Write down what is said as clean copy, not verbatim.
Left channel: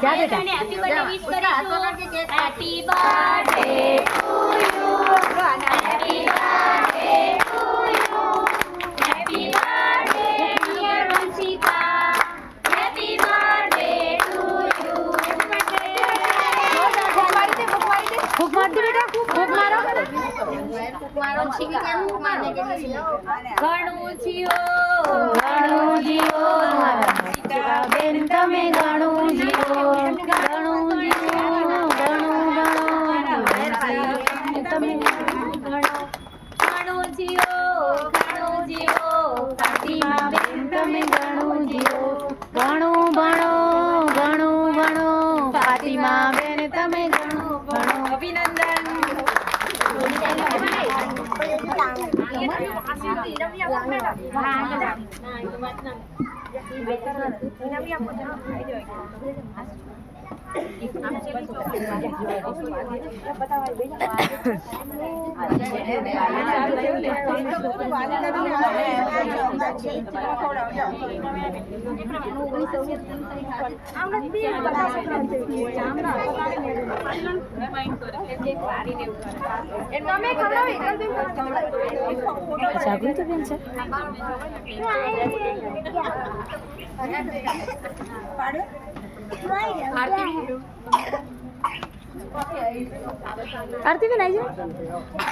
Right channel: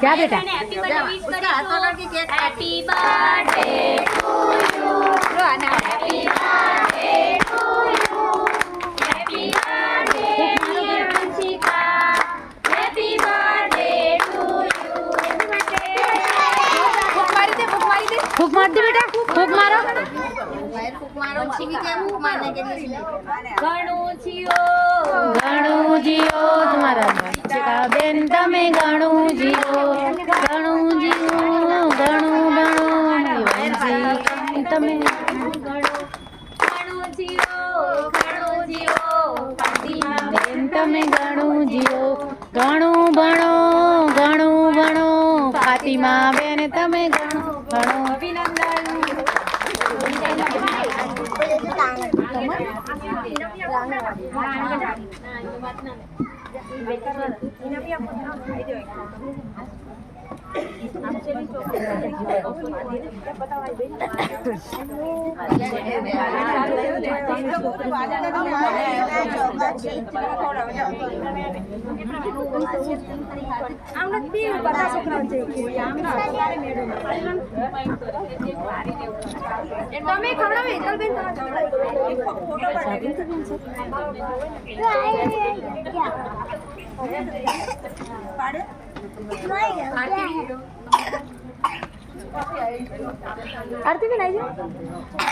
જા બેટા happy birthday to you happy birthday to you happy birthday dear Vanshika happy birthday to you ફૂક માર દે બેટા ફૂક મારો ઘણું જીઓ તમારા બેન તમે ઘણું જીવો ઘણું જીવો તમે ઘણું જીઓ કાંતિમા બેન તમે ઘણું જીવો ઘણું ભણો ફાતિમા બેન તમે ઘણું ભણો અભિનંદન આરતી બેન આવી જાય